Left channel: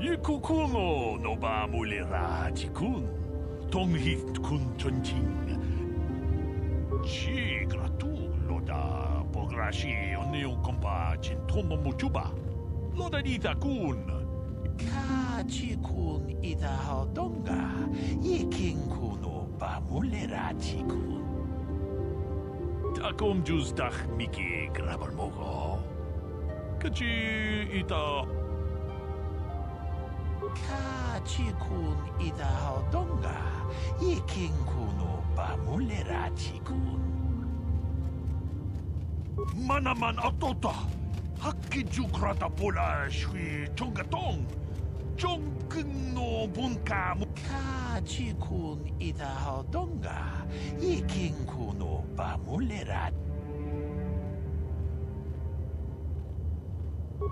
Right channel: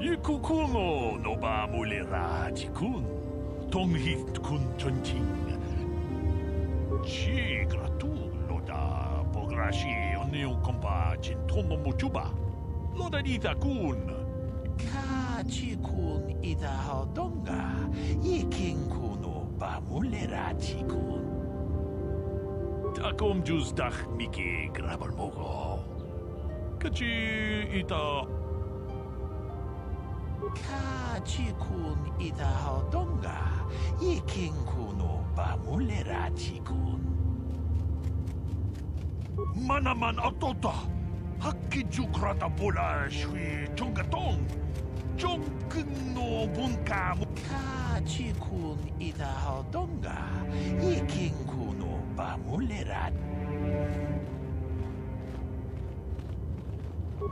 Ikukuno no ba mulirati-kun, tonghit-kun chonching. Chi gratulo da pograshi oneo kompa chintomo muchuba. Loda dita-kun. Ka-chi-kun ita hodonga, yikin-kuno ba mulirati-kun. Takom justach miki grabalmogo. Kachi ita... Ka-chi-kun ita hodonga, yikin-kuno ba mulirati-kun. Manaman atota, hakki-jukrata bola shui chongatong, chongkeng no bunka mu... Ka-chi-kun ita hodonga, yikin-kuno ba mulirati.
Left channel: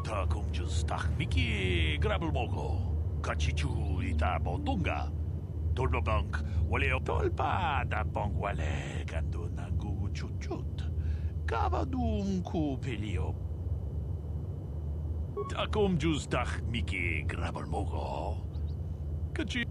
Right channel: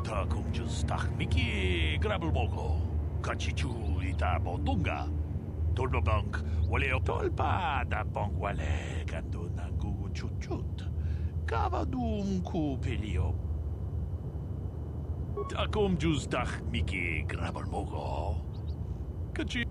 Takum justach miki grabalmogo. Kachichu ita botonga. Tolbabank waleo tolpa da bank wale kando na gugu chut. Kavadum kupilio. Takum justach miki grabalmogo. Kachi.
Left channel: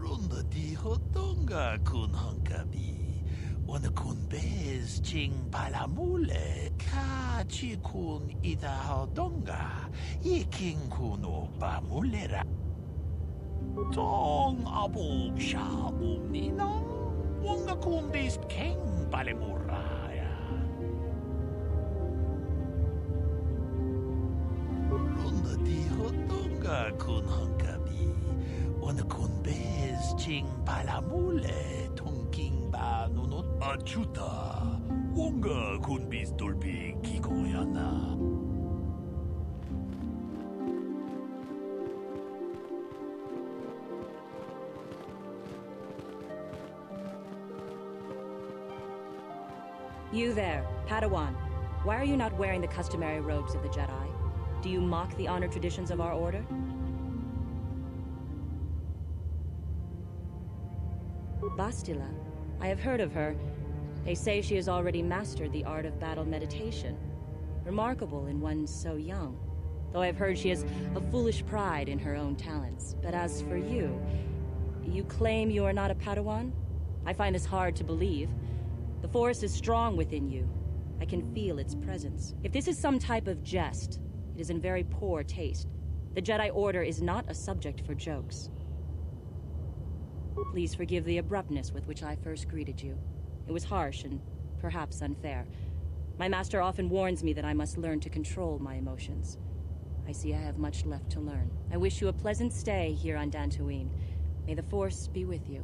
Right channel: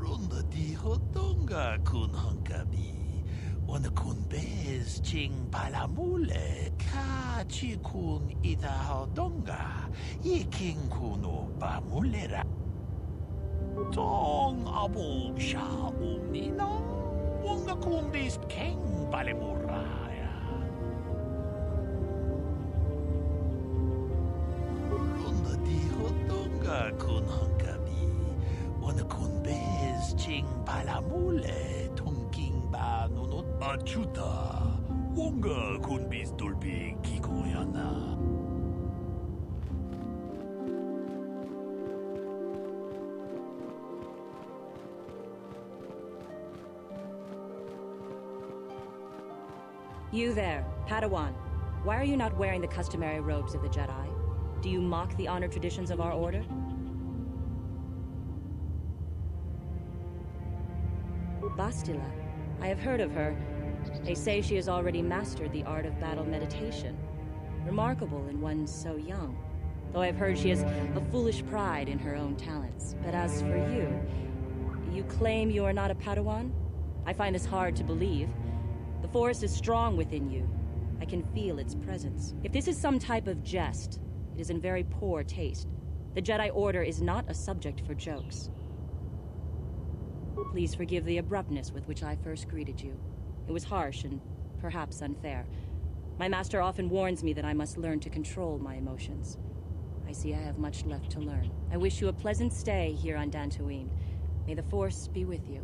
Ronda di hodonga kun hankabi. Wana kun bez ching palamule. Ka-chi kun ita hodonga. Yiking kuno ba mulera. Tong abog sha umninang. Wanga kun bez keng palemuraya. Ronda di hodonga kun hankabi. Wana kun bez ching palamule tongking ba nunot achuta wonga kun bez dolbi kikoyana. You there, Padawan. Why are you not wearing the customary robes of the Jedi? Do you mock the honored traditions of our order? Bastila. I have heard of her. They say she has already mastered the art of battle meditation. Remarkable in one so young. Though I've heard she has a foolish pride in her own talents. But as for you, you claim you are not a Padawan? I find this hard to believe. The Force is strong within you. I can feel its presence. If this is some type of jest, it is in very poor taste. The Jedi Order is not a subject for jokes. Please forgive the abruptness with which I first greeted you. It was harsh and perhaps unfair. My master often warns me that I must learn to control my emotions. I see I have much left to learn. I wish you a pleasant stay here on Dantooine. May the Force be with you.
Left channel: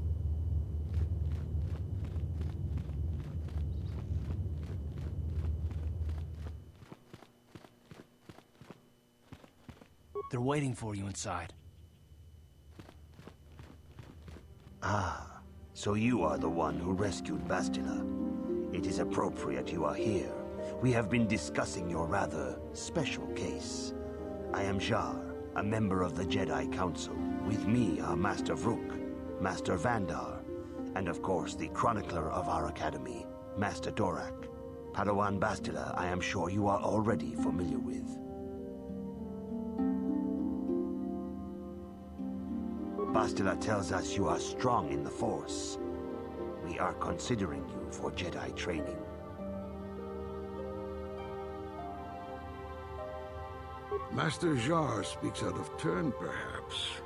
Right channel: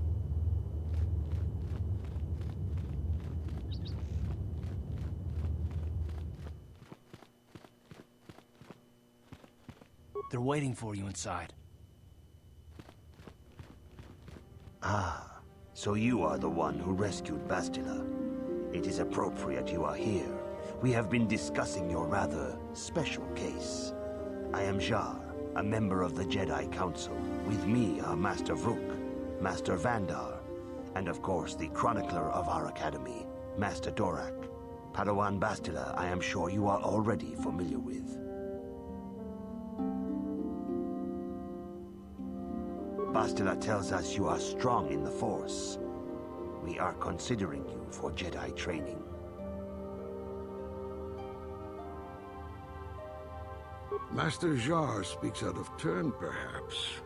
They're waiting for you inside. Ah, so you are the one who rescued Bastila. It is appropriate you are here. We have been discussing your rather special case. I am Jar, a member of the Jedi Council. With me are Master Vrook, Master Vandar, and of course the chronicler of our academy, Master Dorak. Padawan Bastila, I am sure you are already familiar with. Bastila tells us you are strong in the Force. We are considering you for Jedi training. Master Jar speaks out of turn, perhaps.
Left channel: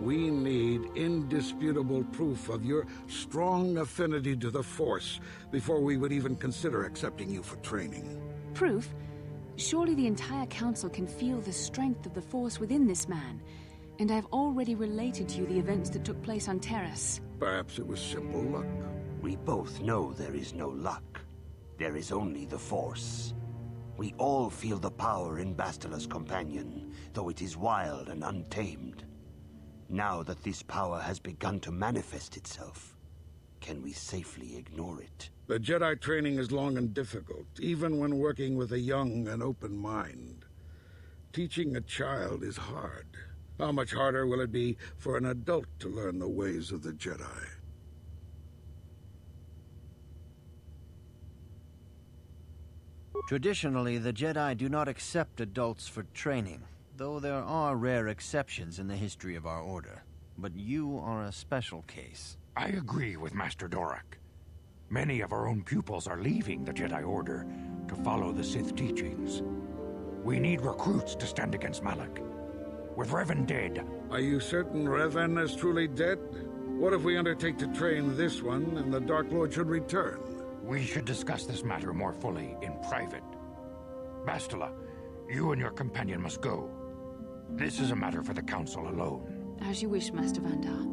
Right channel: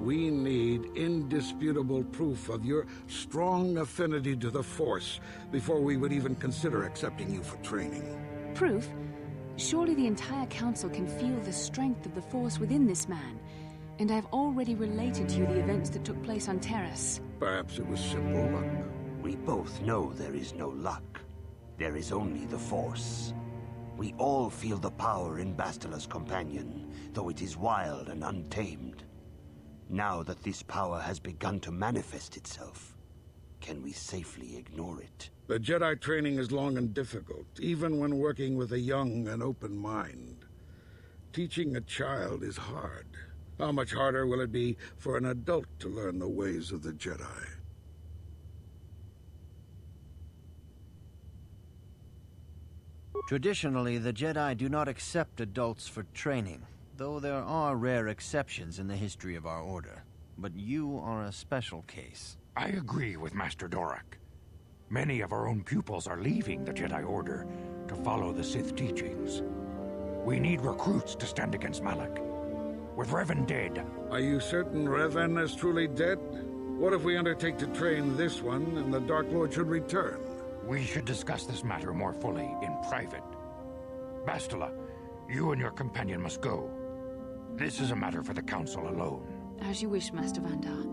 We need indisputable proof of your strong affinity to the Force before we would even consider accepting you for training. Proof? Surely the entire Council can feel the strength of the Force within this man. And I've already related to you the events that took place on Terrace. Perhaps it was simple luck. We both know there is no luck. There is only the Force. We all feel the power in Bastila's companion, though it is wild and untamed. Now that this power has begun to manifest itself, can we safely ignore it? The Jedi training is long and difficult, even when working with a young and open mind. Teaching a child is hard. How much harder will it be for an adult to learn the ways of the Jedi? Traditionally, the Jedi do not accept adults for training, though there are rare exceptions in the history of our order. But you are a special case. I agree with Master Dorak. Many of our own pupils are leaving the Jedi Order to follow the Sith teachings. We need recruits to stand against Malak. With Revan dead... Are you certain Revan is truly dead? What if we undertake to train this one and the Dark Lord should return? We should discuss this matter more fully in private. Bastila, you and your companion must go. This is a matter for the Council alone. As you wish, Master Vandar.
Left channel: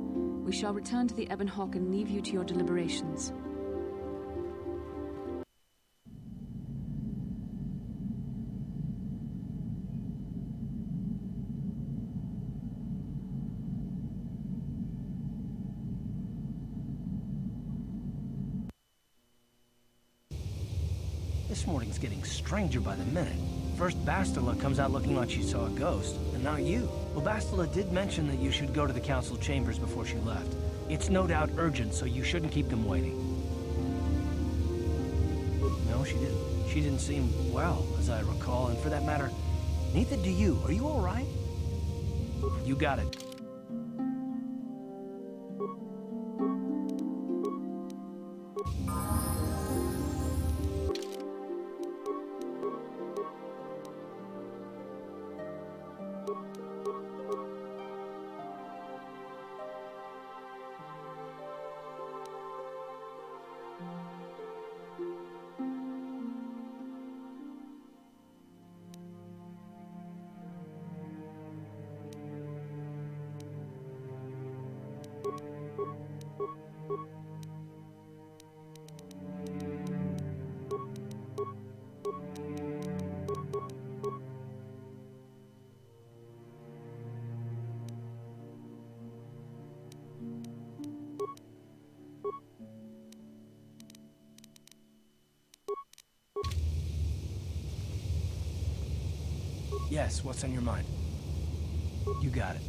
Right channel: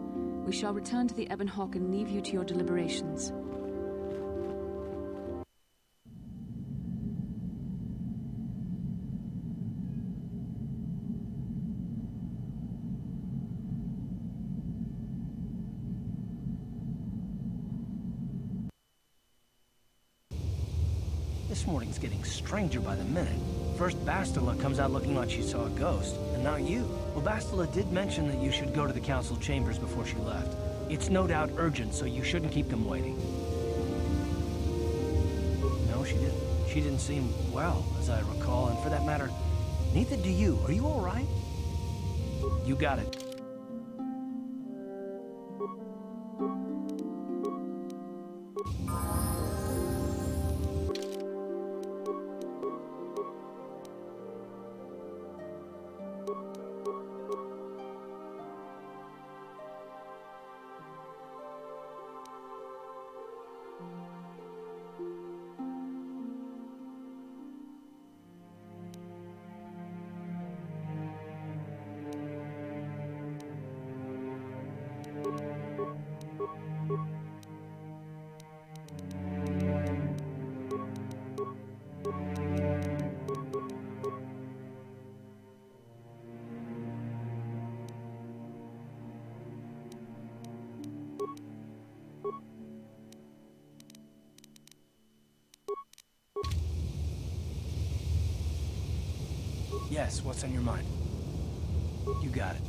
We shall return to the Ebon Hawk and leave you to your deliberations. This morning's getting stranger by the minute. First Bastila comes out looking like she saw a ghost, and now you. Well, Bastila did mention that you should go to the council chambers before she left. It's no doubt urgent, so you shouldn't keep them waiting. No, she didn't. She didn't seem well, as I recall, and for that matter, neither do you. Are you all right? You got it. Yes, what's on your mind? You got it.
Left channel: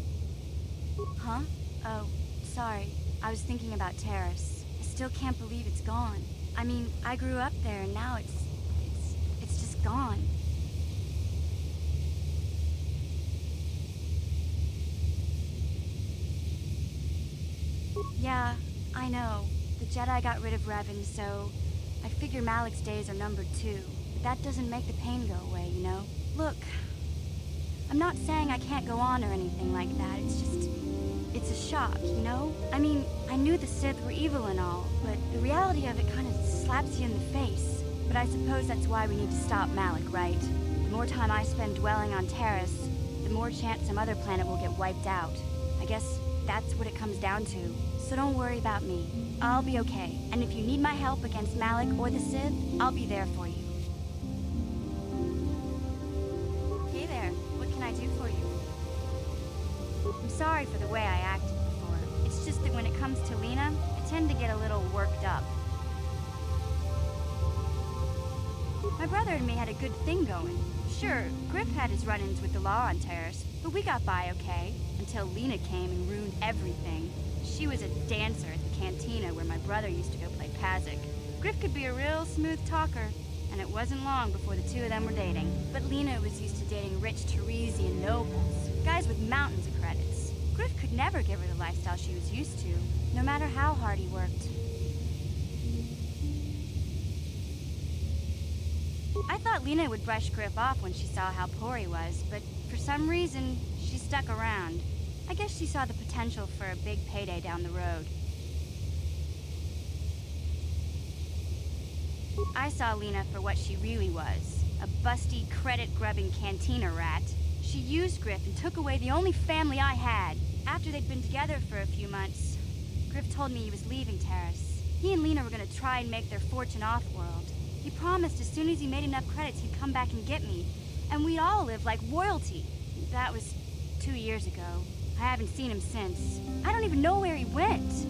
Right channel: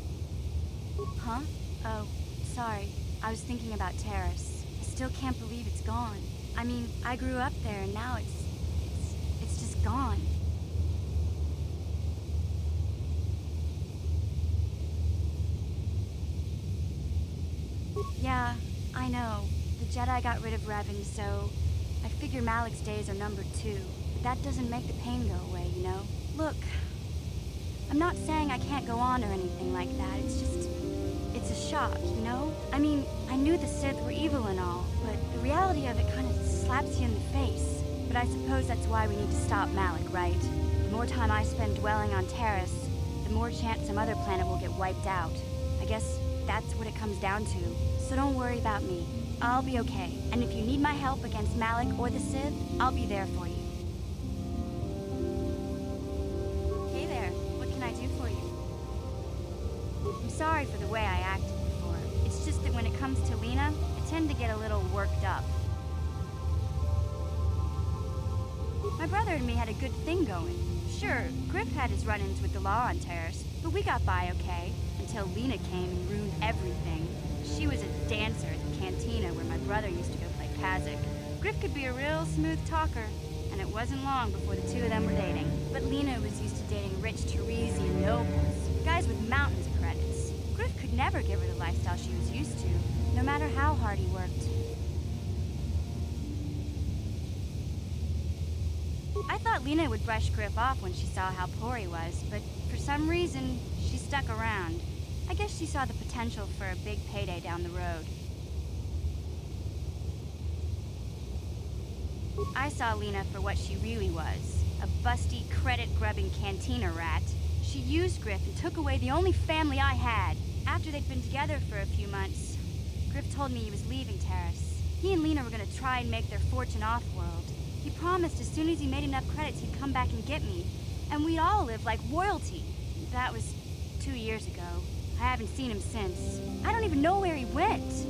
Huh? Oh, sorry. I was thinking about Terrace. I still can't believe it's gone. I mean, I grew up there and now it's just gone. Yeah, I know. The Jedi got rid of Revan, so I figure Malak's days are numbered too. But that doesn't make the pain go away, you know? Look, I'm not saying I can't go on or anything like that. It's just, it's a shock, you know? I mean, I knew the Sith were evil and all, but the reality of it kind of slaps you in the face. But I suppose that's why we need to stop Malak, right? The more time I spend dwelling on Terrace, the more chance some other planet will get wiped out. I guess that's what it comes down to. So don't worry about me. I'll be okay. And if you need my help against Malak or the Sith, I'll be there for you. Hey there. What can I do for you? I'm sorry for the way I acted before. It's just that when it comes to Lena, I tend to get a little worked up. My brother and me had a good thing going. Sure, Griff had his run-ins with the law on Terrace, but we got by okay, until Lena came and ruined everything. She was a dancer at the cantina where my brother used to go play Pazik. Griff could be a real smooth talker, and it wasn't long before the two of them were dating. But Lena was used to dating rich Teresian nobles, guys with mountains of credits. Griff could never give her the lifestyle she was used to, no matter how hard he worked. I thought Lena would brush Griff off when she saw how poor he was, but for some reason, she stuck around. I guess she saw the potential for a big payday down the road. I saw Lena for what she really was, a busty, credit-grubbing cantina rat. She used Griff and took away the only family I had. After they'd been together for a few months, Griff told me he was leaving Terrace. He and Lena were going to try and make their fortune off-world. He promised as soon as he made enough credits he'd come back and get me, and we'd all live like royalty. That was 2 years ago. I haven't seen him since. I don't even know where he went.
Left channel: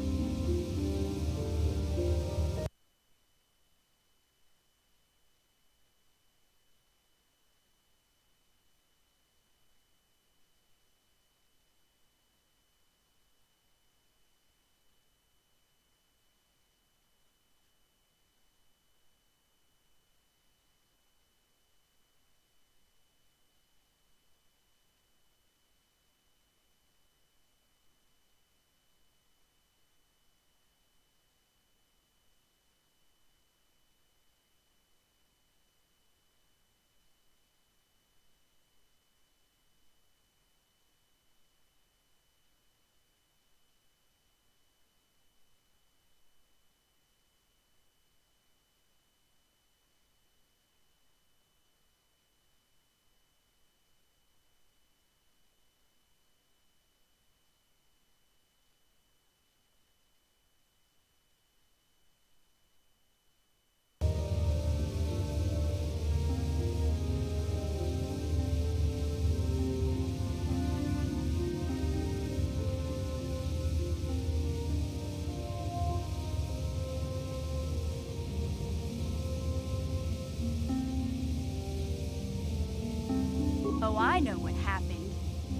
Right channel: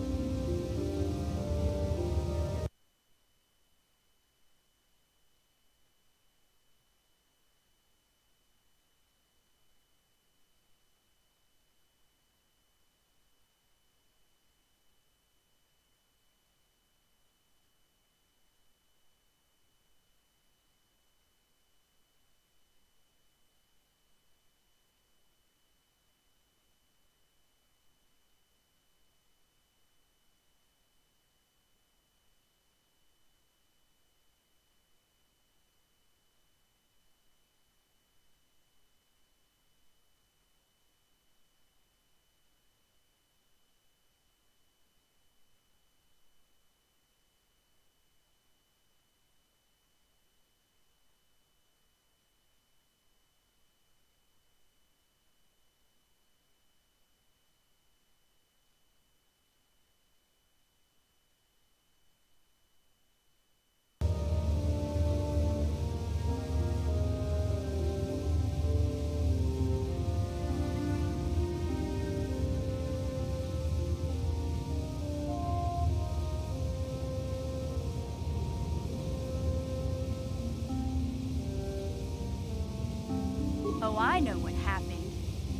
I know what happened.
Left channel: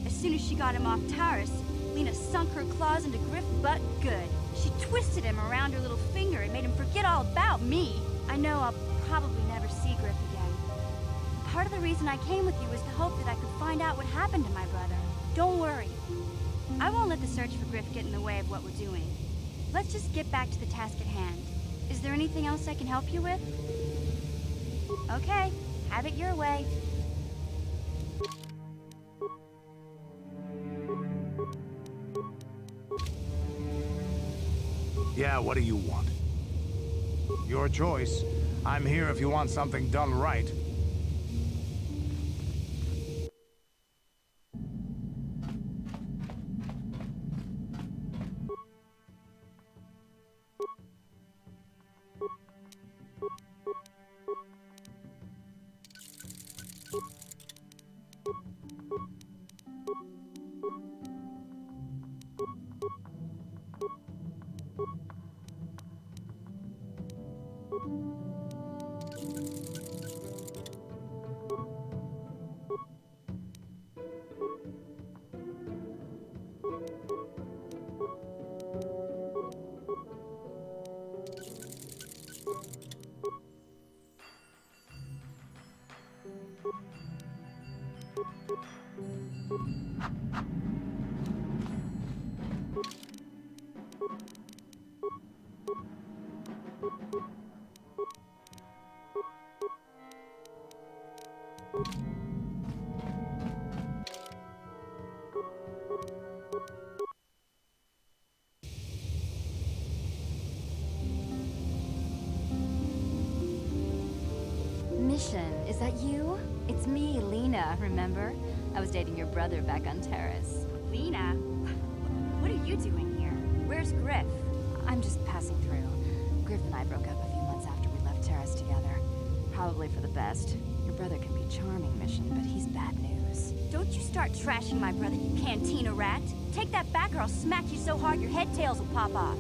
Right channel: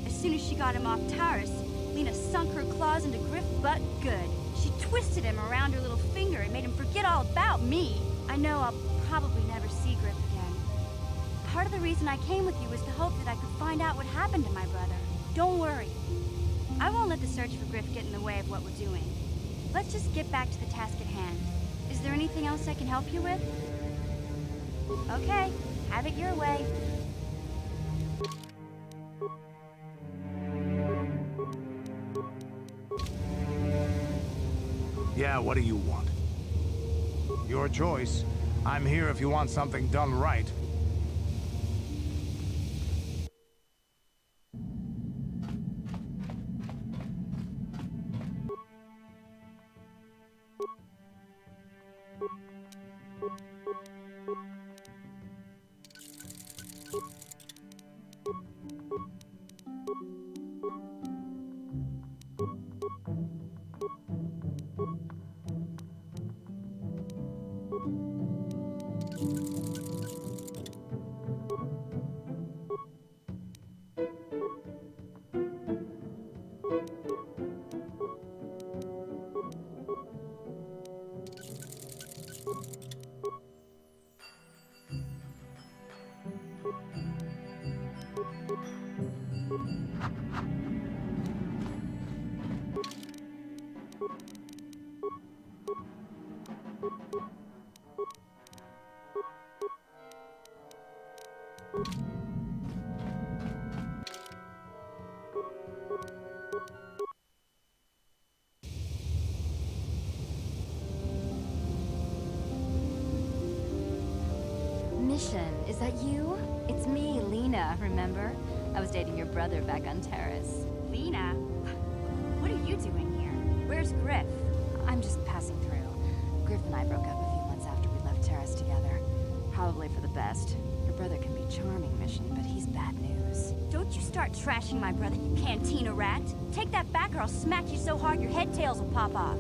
As soon as she got him off Taurus, Lena sunk her claws into Griff butt good. She twisted him around her little finger and made him forget all about me. I know I'll probably never see Griff again. Part of the reason I came with you was the hope that I could find out what happened to my brother. Don't worry. I won't let the search for Griff get in the way of what we're doing. Let's just get back to the task at hand. Is there anything else I can help you with? Okay, have it your way. Yeah, what do you want? Your choice. I'm here if you want something done right. Mission, is that you? It's me, Lena, remember? I was dating your brother back on Terrace. Lena? What are you doing here? Where's Griff? I'm just passing through. Griff and I broke up a few months after we left Terrace together. Probably for the best. Your brother can be charming, Mission, but he's bad news. Don't you start trashing my brother, you cantina rat. Take that back or I'll smack you so hard your head tails will pop off.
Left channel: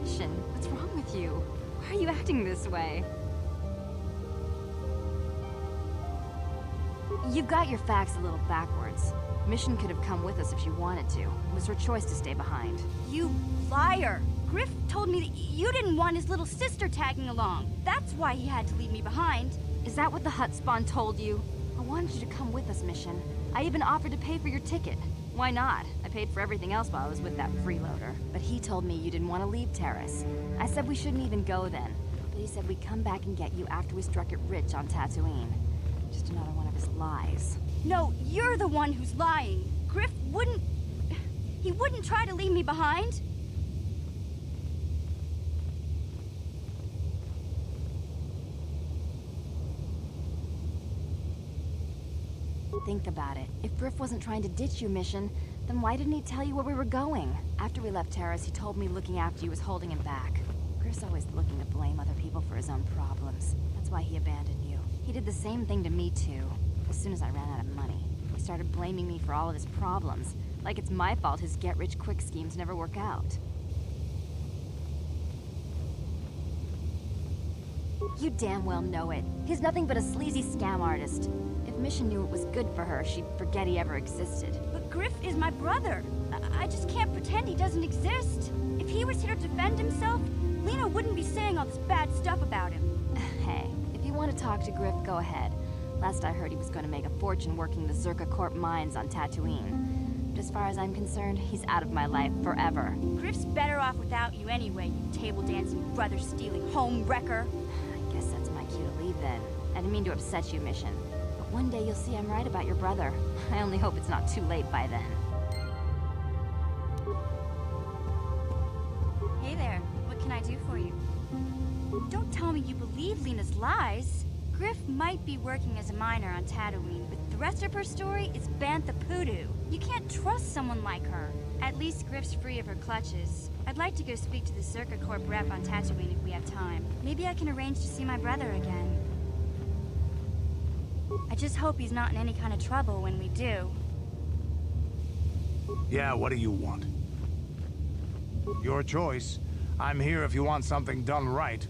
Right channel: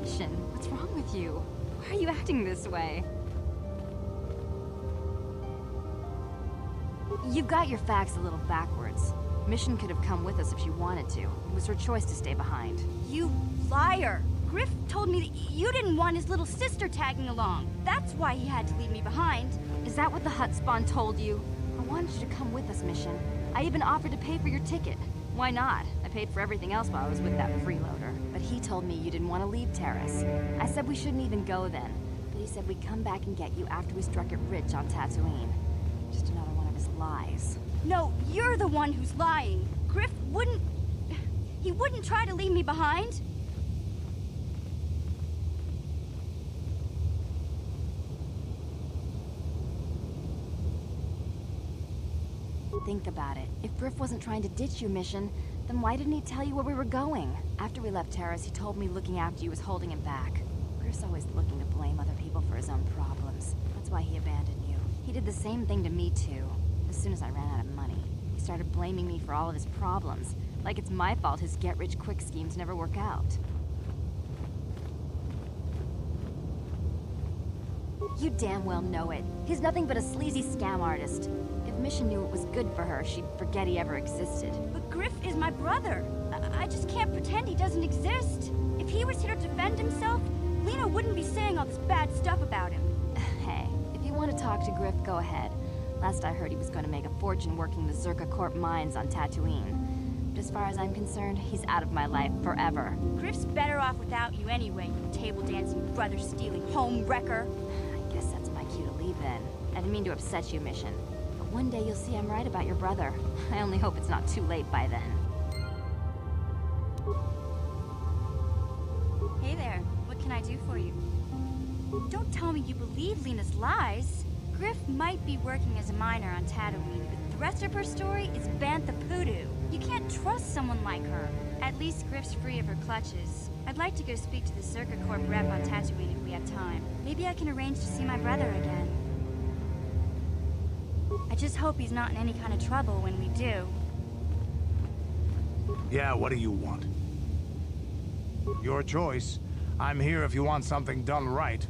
Mission, what's wrong with you? Why are you acting this way? You've got your facts a little backwards. Mission could have come with us if she wanted to. It was her choice to stay behind. You liar! Griff told me that you didn't want his little sister tagging along. That's why he had to leave me behind. Is that what the Hut Spawn told you? I wanted you to come with us, Mission. I even offered to pay for your ticket. Why not? I paid for everything else while I was with that freeloader. But he told me you didn't want to leave Terrace. I said we shouldn't even go then. But he said we'd come back and get you after we struck it rich on Tatooine. Just another one of his lies. No, you're the one who's lying. Griff wouldn't... He wouldn't try to leave me behind. Think about it. If Griff wasn't trying to ditch you, Mission, then why didn't he tell you where we were going? After we left Terrace, he told me looking after you was holding him back. Griff's always looking to blame other people for his own problems. That's why he abandoned you. He did the same thing to me, too. As soon as I ran out of money, he started blaming me for all of his problems. Like it's my fault his get-rich-quick schemes never work out. You damn well know it. He's nothing but a sleazy scam artist. If Mission knew it was good for her, she'd forget he ever existed. But Griff is my brother. I just can't pretend he doesn't exist. If he was here to defend himself, Lena wouldn't be saying all this bad stuff about him. Hey, if you want to talk to Griff, go ahead. Last I heard he was going to make a fortune working the Zerka Corp mines on Tatooine. But as far as I'm concerned, he's out of my life forever. Griff's better off without you anyway, you table-dancing, brother-stealing home wrecker. I guess that's my cue to leave then. I didn't mean to upset you, Mission. But one day you'll see I'm right about your brother. I only hope it's not too late by then. Hey there, what can I do for you? Don't tell me you believe Lena's lies. Griff might be working as a miner on Tatooine, but the rest of her story is Bantha Poodoo. You can't trust someone like her. At least Griff's free of her clutches. I'd like to go speak to the Zerka Corp rep on Tatooine if we have time. Maybe I can arrange to see my brother again. I just hope he's not in any kind of trouble when we do. Yeah, what do you want? Your choice. I'm here if you want something done right.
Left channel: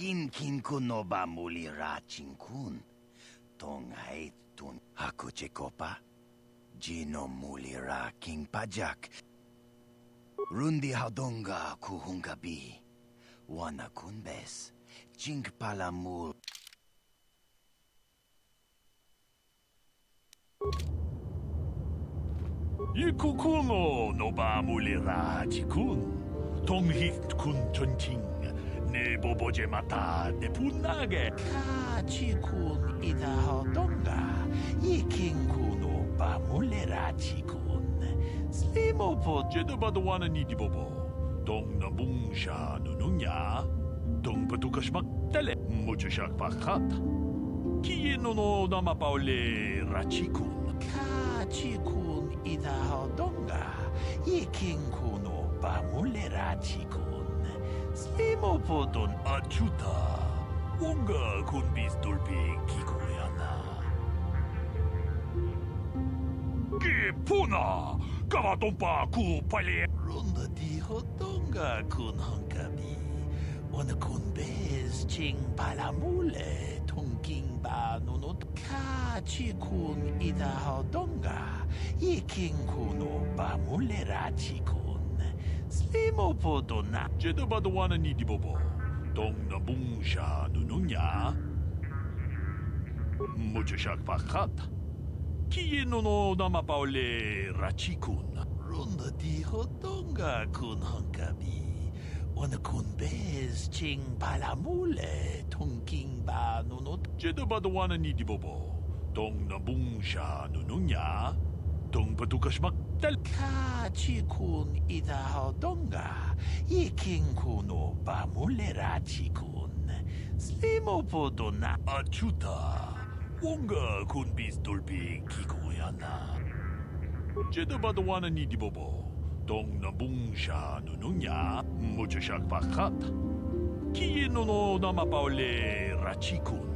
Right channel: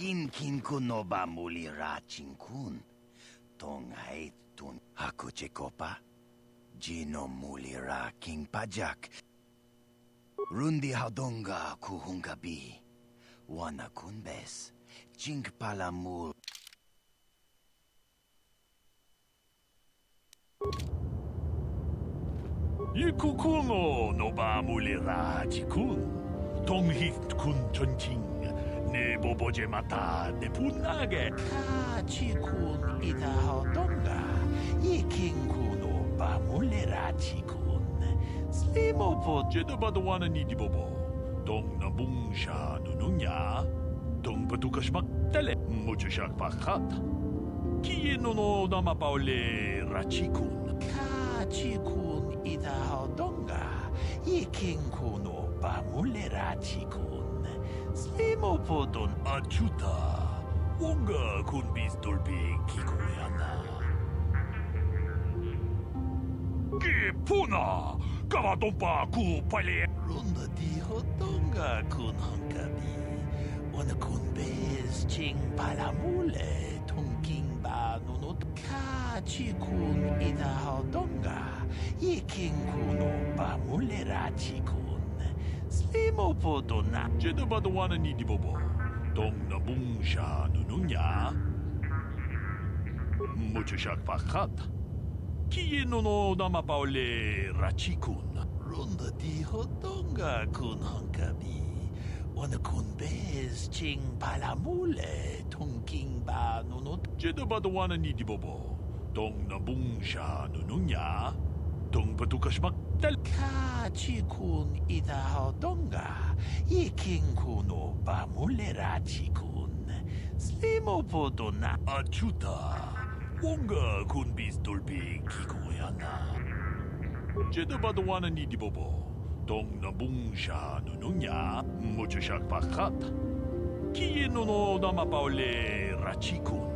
Inkin kuno ba mulira chinkun. Tongait tun hakuchekopa. Jino mulira king pajak. Rundi hadonga kuhungabi. Wana kunbes. Chink palamul. Ikukuno no ba mulira chikun. Tonghit kun chonching. Ne boboje mata de punage. Ka chikun ida hodonga. Yiking kuno ba mulira chikun. Slimo po jedabadwana ni di bobo. Dong na bungsha nununya. Dong patukas magtele. Mucho siyak pakat. Kieno no namapaule rachikun. Ka chikun ida hodonga. Yiking kuno ba mulira chikun. Slimo po don achuta. Wonga kun bis dolpe kikoyana. Ke puna! Kavatompa ku pale! Runda di hodonga kun hankabi. Wana kun bez ching palamule. Tungking ba nunot ka chikun ida hodonga. Yiking kuno ba mulera chikun. Slimo po dona. Jedabadwana ni di bobo. Dong na bungsha nununya. Mucho siyak pakat. Kieno no namapaule rachikun. Runda di hodonga kun hankabi. Wana kun bez ching palamule. Tungking ba nunot. Jedabadwana ni di bobo. Dong na bungsha nununya. Dong patukas magtal. Ka chikun ida hodonga. Yiking kuno ba mulera chikun. Slimo po dona achuta. Wonga kun bis dolpe kikoyana. Jedabadwana ni di bobo. Dong na bungsha nununya. Mucho siyak pakat. Kieno no namapaule rachikun.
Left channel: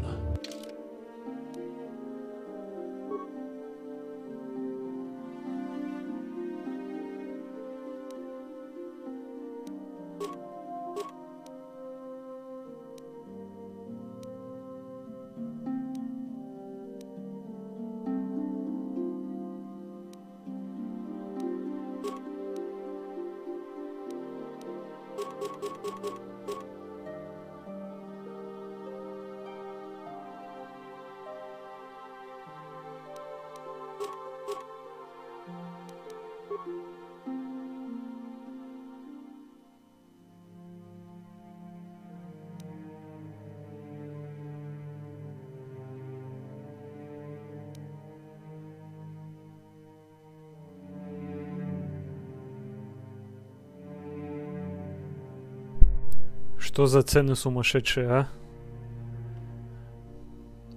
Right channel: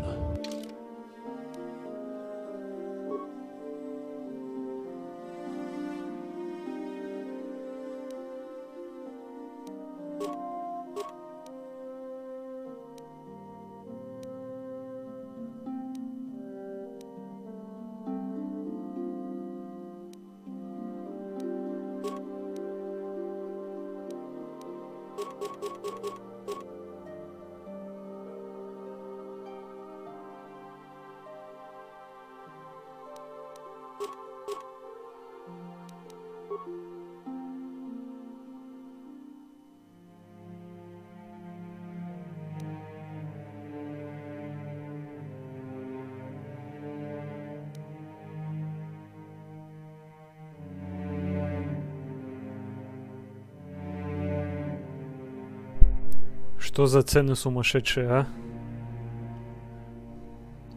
Что за цены сумасшедшие, а?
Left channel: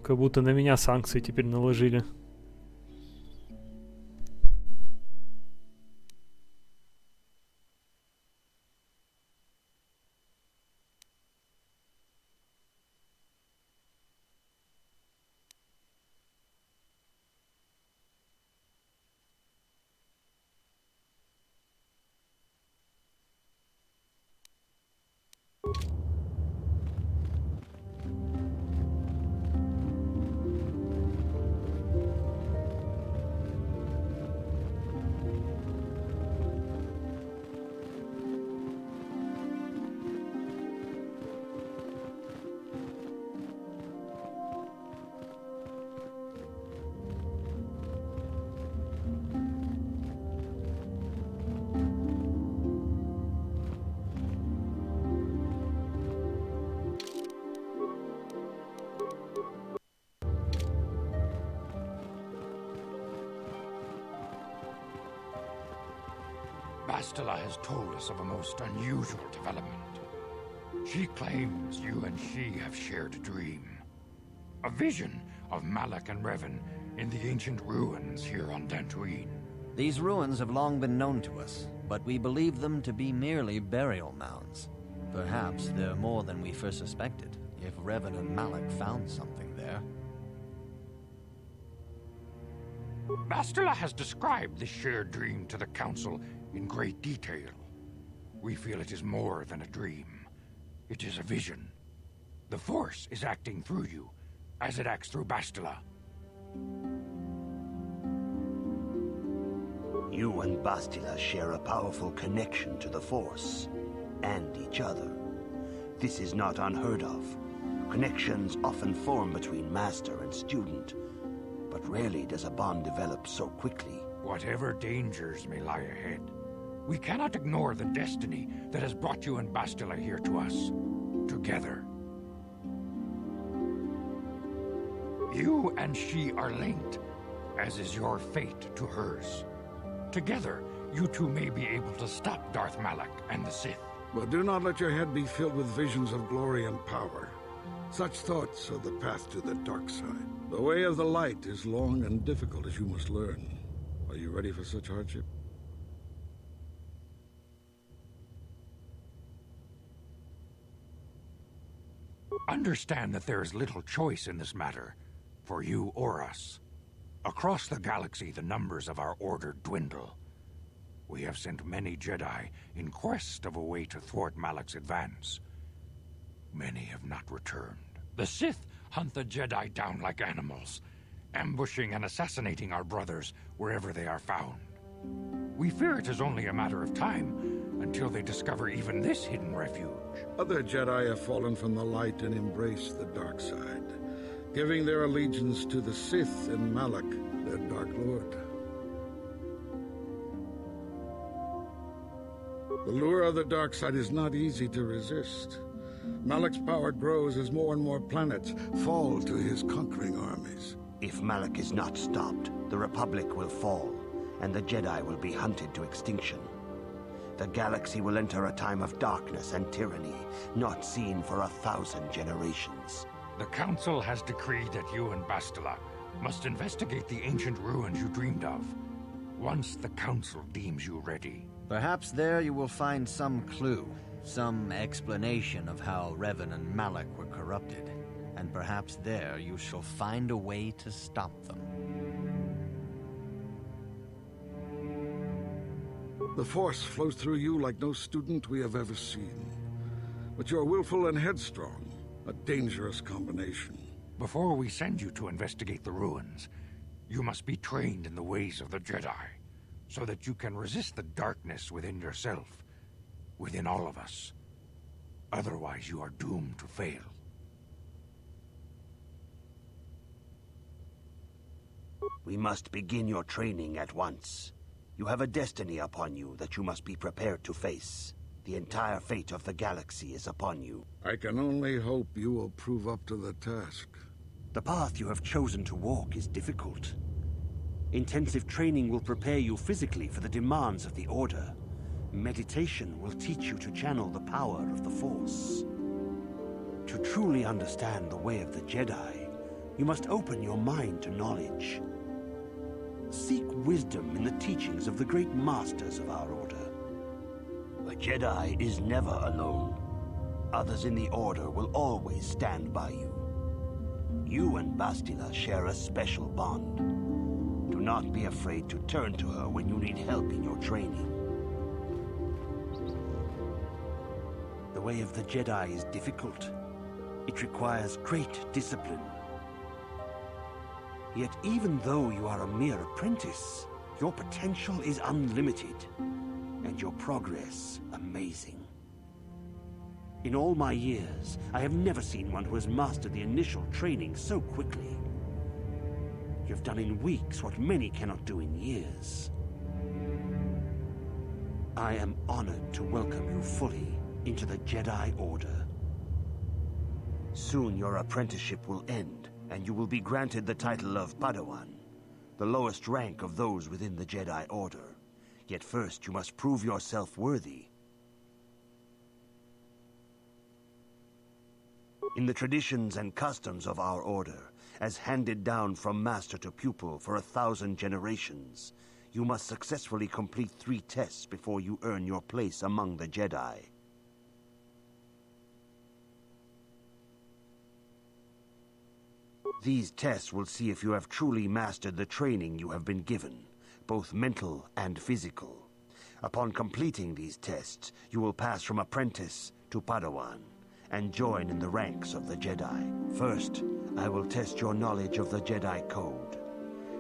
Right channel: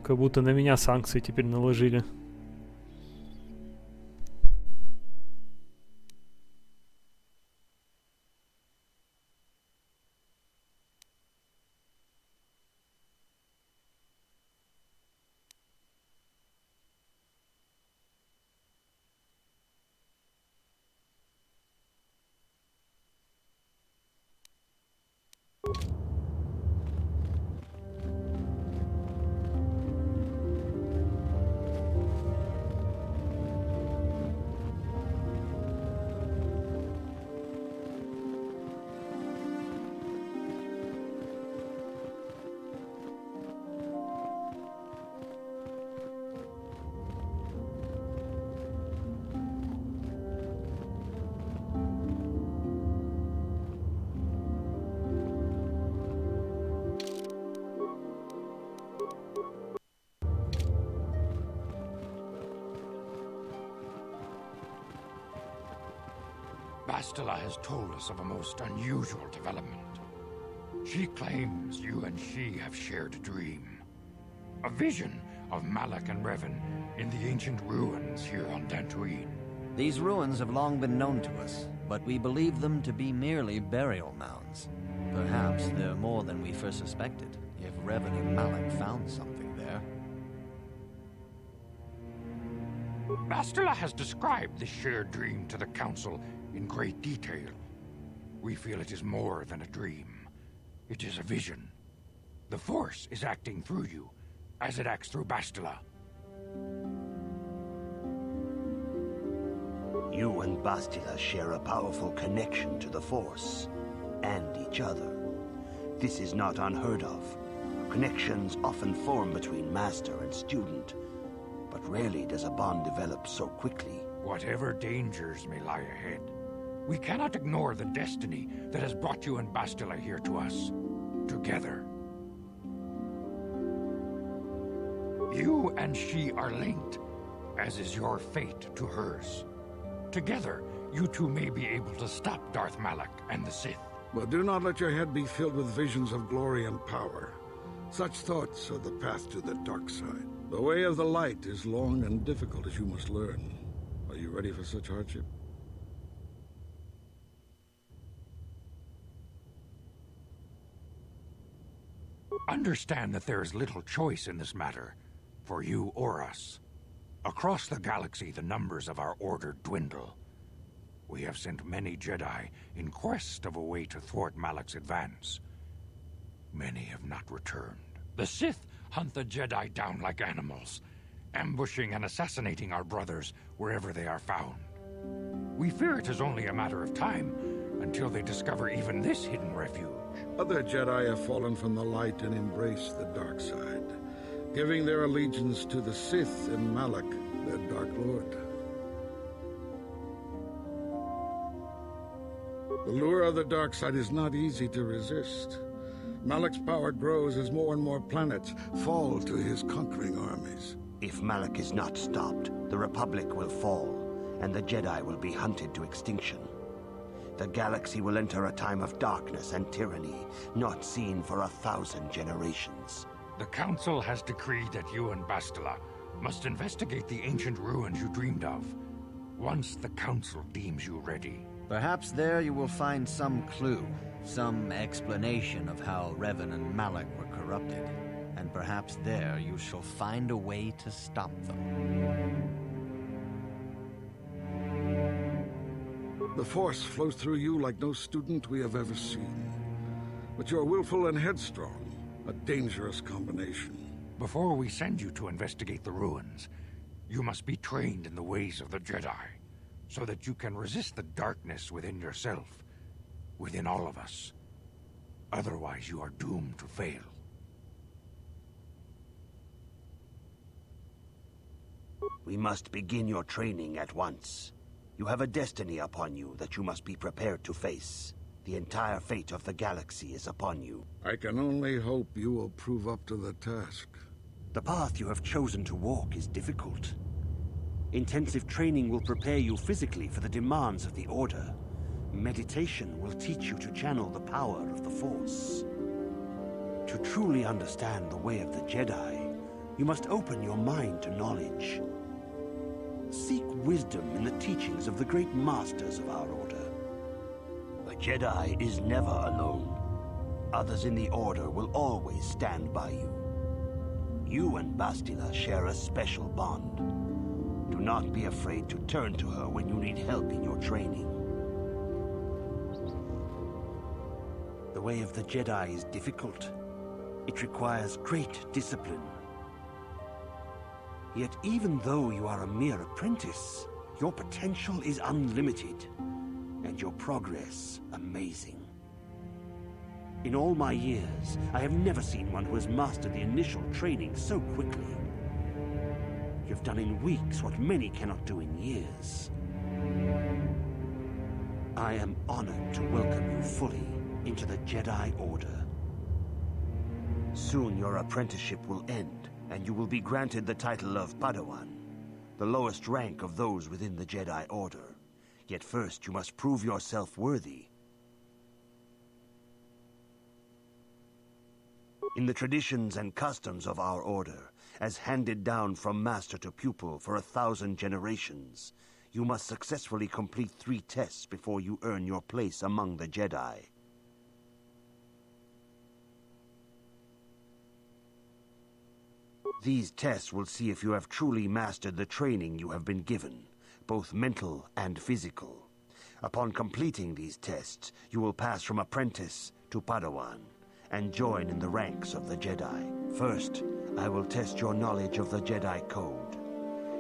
Как будто на меня санкции теперь наложили. Bastila has told us of a most unusual development. She claims you and she have shared a dream. A vision of Malak and Revan in the ancient ruins here on Dantooine. These ruins have long been known to us, but we believe them to be merely burial mounds. Perhaps they're more than we first suspected, if Revan and Malak found something there. Bastila has described this shared dream to the Council in great detail. We feel it is more than a dream. It is a vision. The Force is acting through you, as it acts through Bastila. You and Bastila share a powerful connection to the Force, and each other. This is not unheard of. Connections often form between master and student, but rarely does a bond develop so quickly. Whatever dangers may lie ahead, we cannot ignore the destiny that has brought you and Bastila here to us, together. You and she are linked, as is your fate to hers. Together, you two may be able to stop Darth Malak and the Sith. But do not let your head be filled with visions of glory and power. Such thoughts are the path to the dark side. The way of the light is long and difficult, as you must learn. Are you ready for such hardship? Understand that there is little choice in this matter, for you or us. Across the galaxy, the numbers of our order dwindle. We have sent many Jedi in quest of a way to thwart Malak's advance. Many have not returned. The Sith hunt the Jedi down like animals, ambushing and assassinating our brothers wherever they are found. We fear it is only a matter of time until they discover even this hidden refuge. Other Jedi have fallen from the light and embraced the dark side, giving their allegiance to the Sith and Malak, their Dark Lord. The lure of the dark side is not easy to resist. Malak's power grows as more and more planets fall to his conquering armies. If Malak is not stopped, the Republic will fall, and the Jedi will be hunted to extinction. The galaxy will enter a time of darkness and tyranny, not seen for 1,000 generations. The Council has decreed that you and Bastila must investigate the ancient ruins you dreamed of, once the Council deems you ready. Perhaps there you will find some clue, some explanation of how Revan and Malak were corrupted. And perhaps there you shall find a way to stop them. The Force flows through you like no student we have ever seen. But you're willful and headstrong, a dangerous combination. Before we send you to investigate the ruins, you must be trained in the ways of the Jedi, so that you can resist the darkness within yourself, within all of us. Otherwise, you are doomed to fail. We must begin your training at once. You have a destiny upon you that you must be prepared to face. The entire fate of the galaxy is upon you. I can only hope you will prove up to the task. The path you have chosen to walk is difficult. Intensive training will prepare you physically for the demands of the Order. Meditation will teach you to channel the power of the Force. To truly understand the way of the Jedi, you must open your mind to knowledge. Seek wisdom in the teachings of the great masters of our Order. The Jedi is never alone. Others in the Order will always stand by you. You and Bastila share a special bond. Do not be afraid to turn to her when you need help in your training. The way of the Jedi is difficult. It requires great discipline. Yet even though you are a mere apprentice, your potential is unlimited, and your progress amazing. In all my years, I have never seen one who has mastered the initial training so quickly. You've done in weeks what many cannot do in years. I am honored to welcome you fully into the Jedi Order. Soon your apprenticeship will end, and you will be granted the title of Padawan, the lowest rank of those within the Jedi Order. Yet first you must prove yourself worthy. In the traditions and customs of our Order, as handed down from master to pupil for 1,000 generations, you must successfully complete 3 tests before you earn your place among the Jedi. These tests will see if you have truly mastered the training you have been given, both mental and physical. Upon completing these tests, you will pass from apprentice to Padawan, and join in the ranks of the Jedi. First, I will test your knowledge of the Jedi Code.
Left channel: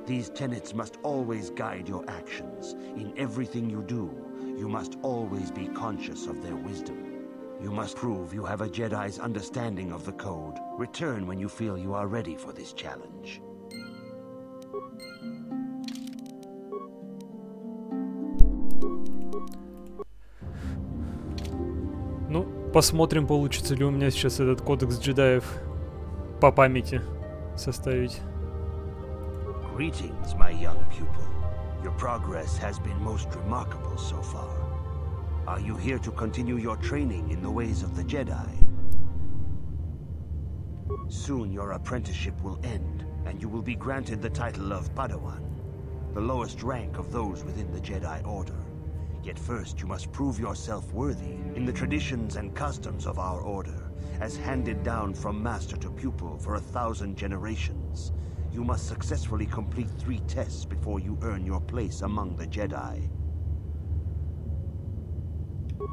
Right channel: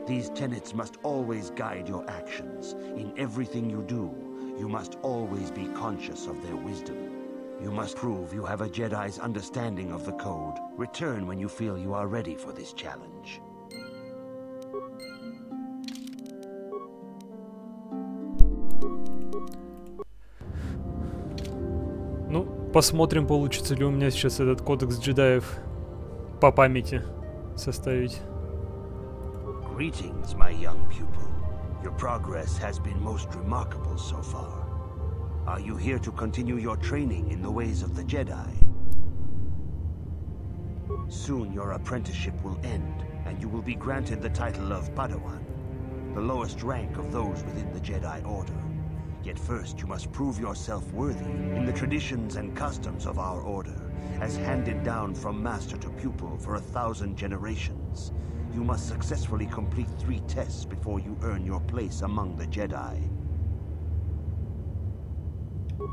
These tenets must always guide your actions. In everything you do, you must always be conscious of their wisdom. You must prove you have a Jedi's understanding of the Code. Return when you feel you are ready for this challenge. Ну, посмотрим, получится ли у меня сейчас этот кодекс джедаев по памяти составить. Greetings, my young pupil. Your progress has been most remarkable so far. Are you here to continue your training in the ways of the Jedi? Soon your apprenticeship will end, and you will be granted the title of Padawan, the lowest rank of those within the Jedi Order. Yet first you must prove yourself worthy in the traditions and customs of our order, as handed down from master to pupil for 1,000 generations. You must successfully complete 3 tests before you earn your place among the Jedi.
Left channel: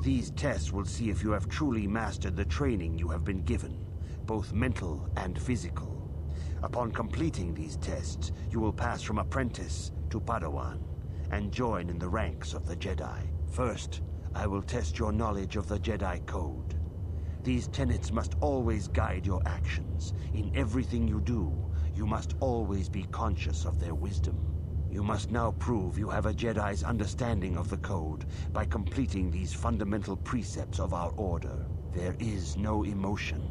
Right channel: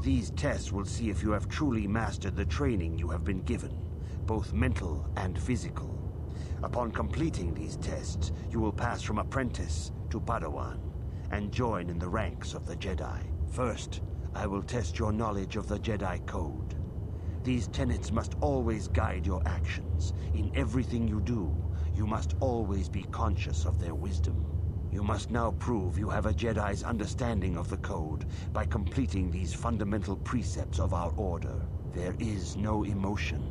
These tests will see if you have truly mastered the training you have been given, both mental and physical. Upon completing these tests, you will pass from apprentice to Padawan, and join in the ranks of the Jedi. First, I will test your knowledge of the Jedi Code. These tenets must always guide your actions. In everything you do, you must always be conscious of their wisdom. You must now prove you have a Jedi's understanding of the Code by completing these fundamental precepts of our order. There is no emotion.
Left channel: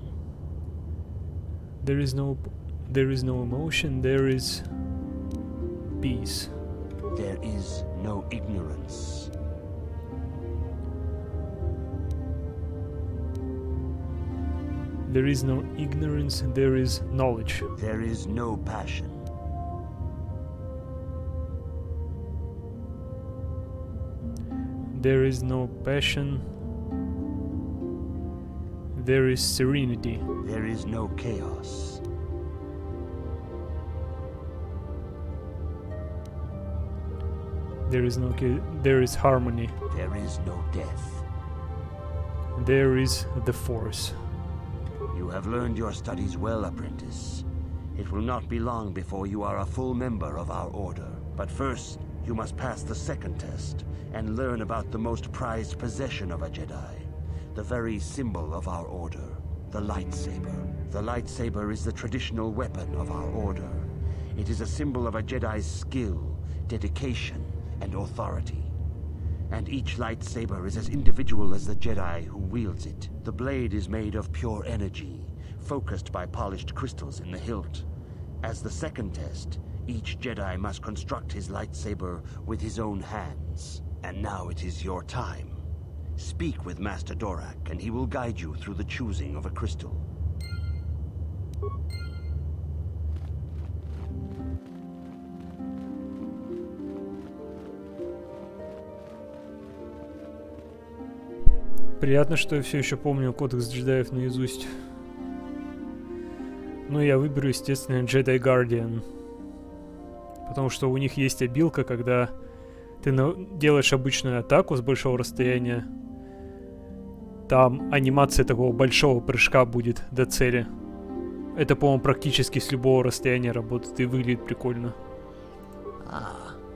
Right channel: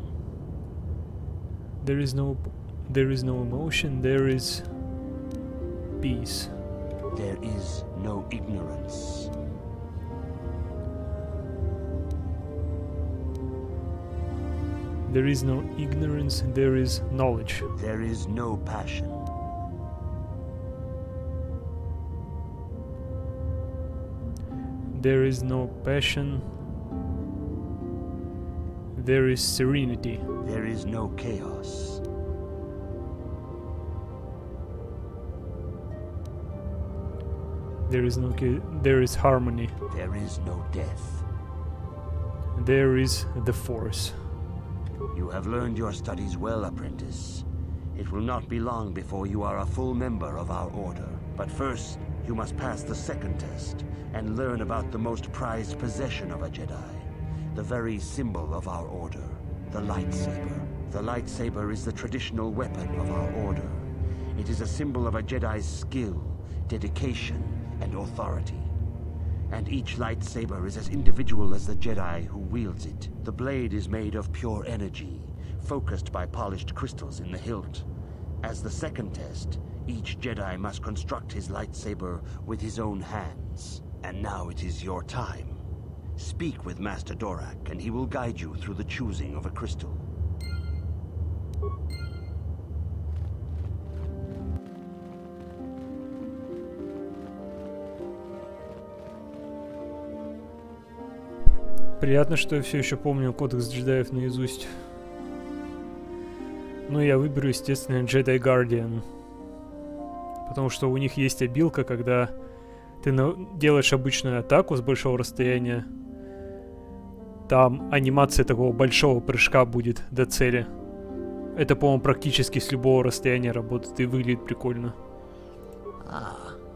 There is no emotion, there is peace. There is no ignorance. There is no ignorance, there is knowledge. There is no passion. There is no passion. There is serenity. There is no chaos. There is harmony. There is no death. There is the Force. You have learned your studies well, apprentice. It will not be long before you are a full member of our order. But first, you must pass the second test and learn about the most prized possession of a Jedi, the very symbol of our order, the lightsaber. The lightsaber is the traditional weapon of our order. It is a symbol of a Jedi's skill, dedication, and authority. And each lightsaber is as individual as the Jedi who wields it. The blade is made of pure energy, focused by polished crystals in the hilt. As the second test, each Jedi must construct his lightsaber with his own hands. And now it is your time. Speak with Master Dorak, and he will guide you through the choosing of a crystal. Приятно, что я все еще помню кодекс джедаев наизусть. Но я выберу, естественно, Jedi Guardian. Потому что у них есть обилка, когда ты делаешь обычную атаку с большого расстояния. Там анимация такого большого прыжка будет до цели. Это, по-моему, практически с любого расстояния работает и выглядит прикольно.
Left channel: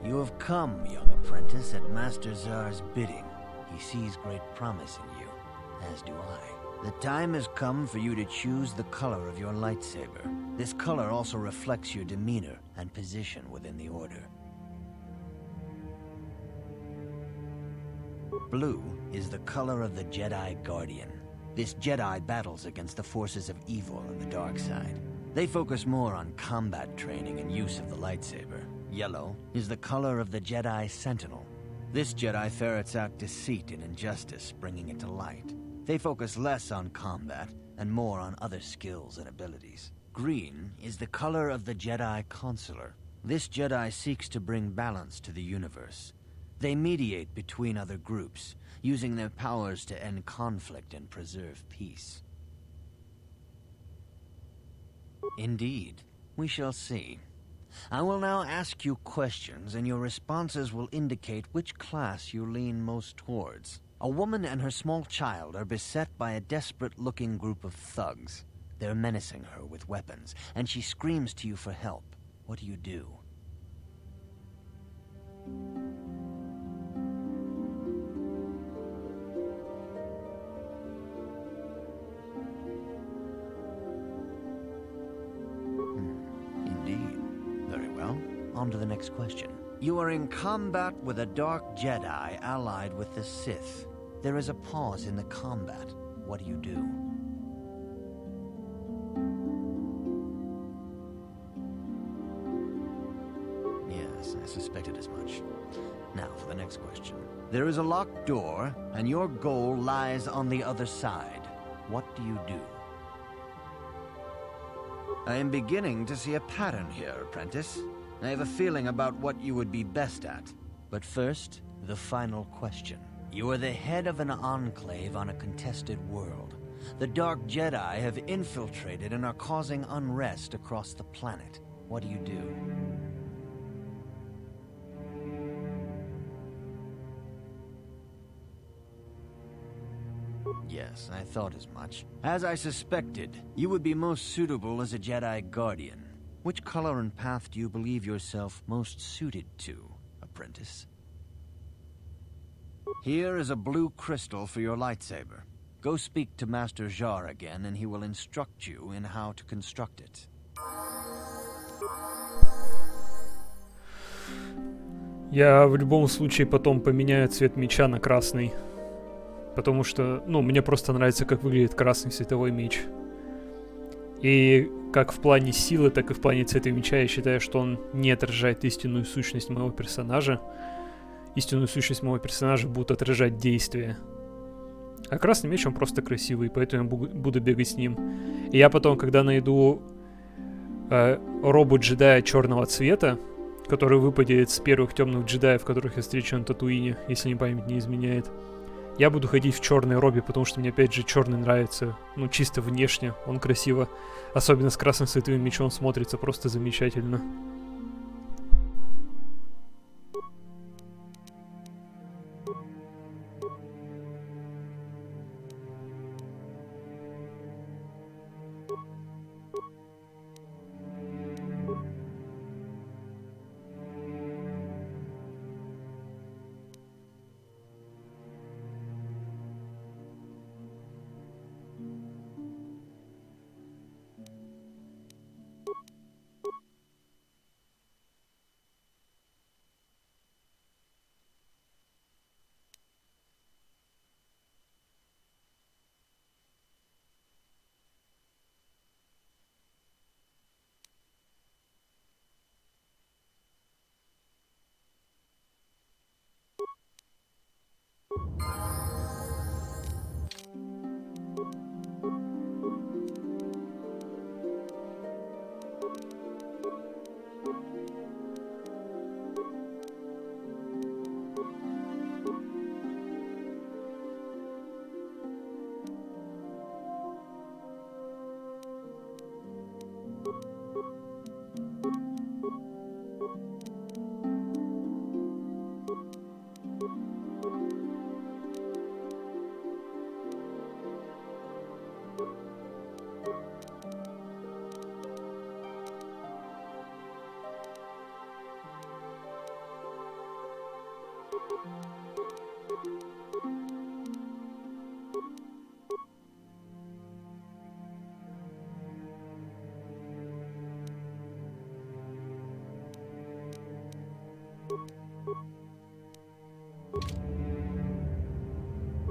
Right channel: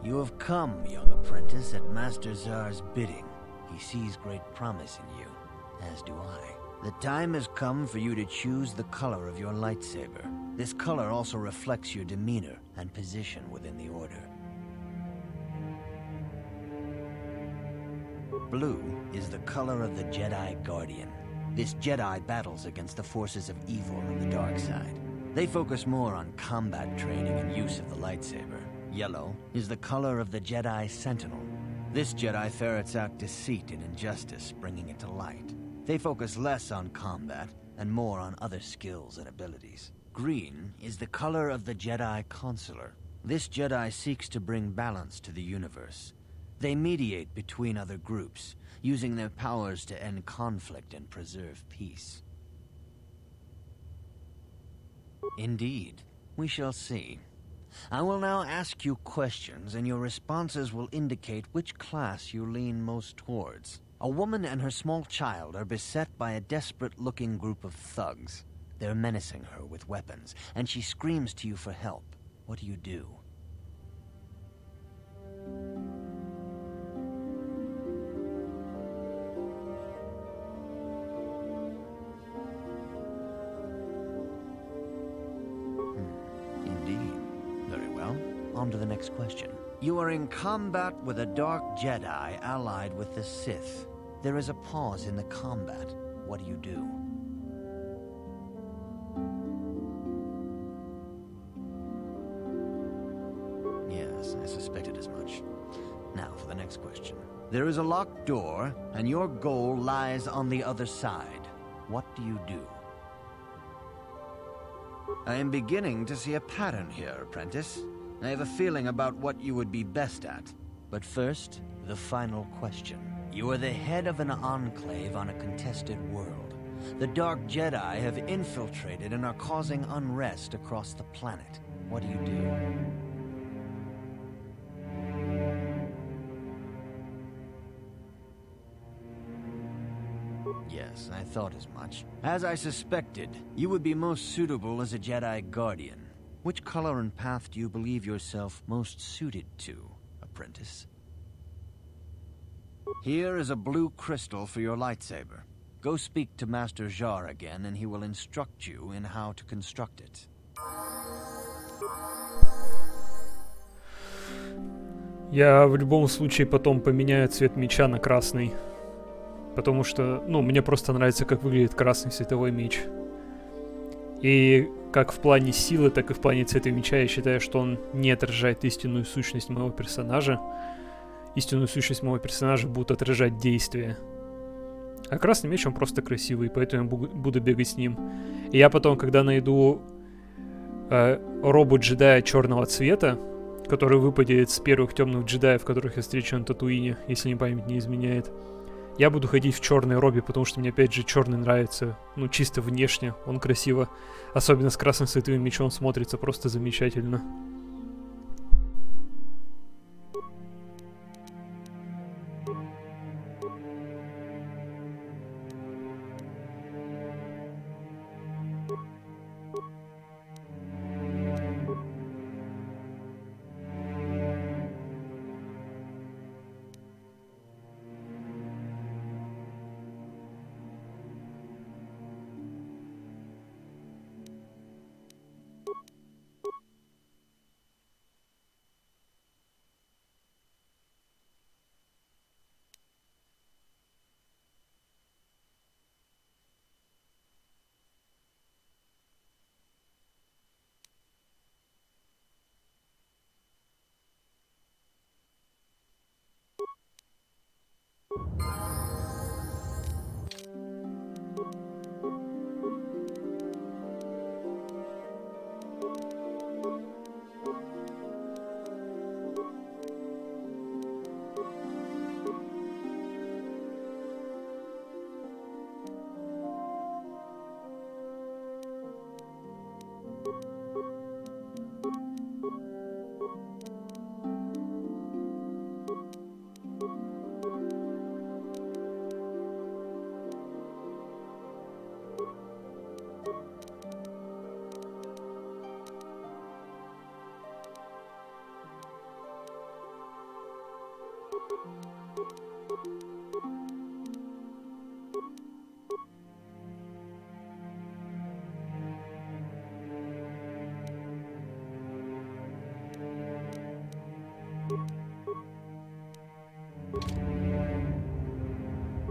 You have come, young apprentice, at Master Zar's bidding. He sees great promise in you, as do I. The time has come for you to choose the color of your lightsaber. This color also reflects your demeanor and position within the Order. Blue is the color of the Jedi Guardian. This Jedi battles against the forces of evil and the dark side. They focus more on combat training and use of the lightsaber. Yellow is the color of the Jedi Sentinel. This Jedi ferrets out deceit and injustice, bringing it to light. They focus less on combat and more on other skills and abilities. Green is the color of the Jedi Consular. This Jedi seeks to bring balance to the universe. They mediate between other groups, using their powers to end conflict and preserve peace. Indeed, we shall see. I will now ask you questions, and your responses will indicate which class you lean most towards. A woman and her small child are beset by a desperate-looking group of thugs. They're menacing her with weapons, and she screams to you for help. What do you do? Indeed. Very well. On to the next question. You are in combat with a dark Jedi allied with the Sith. There is a pause in the combat. What do you do? Yes, I suspected as much. Now for the next question. There is a locked door, and your goal lies on the other side. What do you do? I am beginning to see a pattern here, apprentice. I have a feeling about what you would be best at. But first, the final question. You are the head of an enclave on a contested world. The Dark Jedi have infiltrated and are causing unrest across the planet. What do you do? Yes, I thought as much. As I suspected, you would be most suitable as a Jedi Guardian. Which color and path do you believe yourself most suited to, apprentice? Here is a blue crystal for your lightsaber. Go speak to Master Jar again, and he will instruct you in how to construct it. Я в любом случае потом поменяю цвет меча на красный. Потому что, ну, мне просто нравится, как выглядит красный световой меч. И как в плане силы, так и в плане цвета меча я считаю, что он не отражает истинную сущность моего персонажа. Истинную сущность моего персонажа будут отражать действия. А красный меч, он просто красивый, поэтому я буду бегать с ним. И я потом, когда найду робот-джедая черного цвета, который выпадет с первых темных джедаев, которых я встречу на Татуине, если мне память не изменяет, я буду ходить в черной робе, потому что мне, опять же, черный нравится, ну, чисто внешне, он красиво, особенно с красным световым мечом смотрится просто замечательно.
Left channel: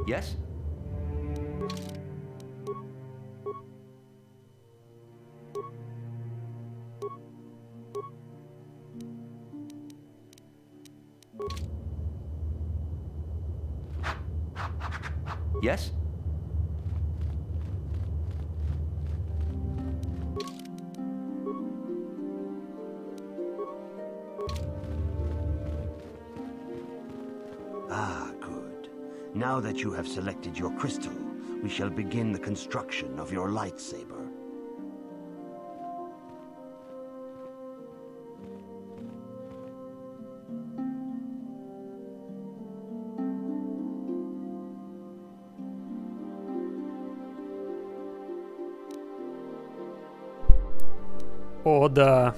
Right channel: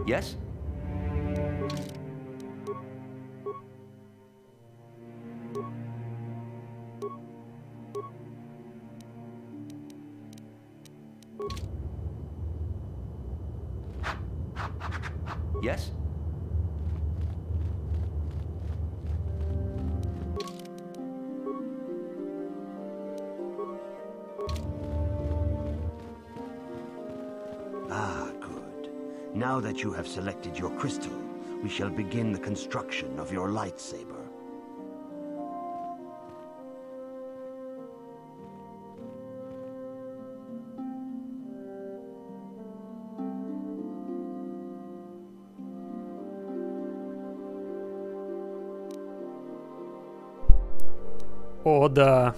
Yes? Yes? Ah, good. Now that you have selected your crystal, we shall begin the construction of your lightsaber. О, да.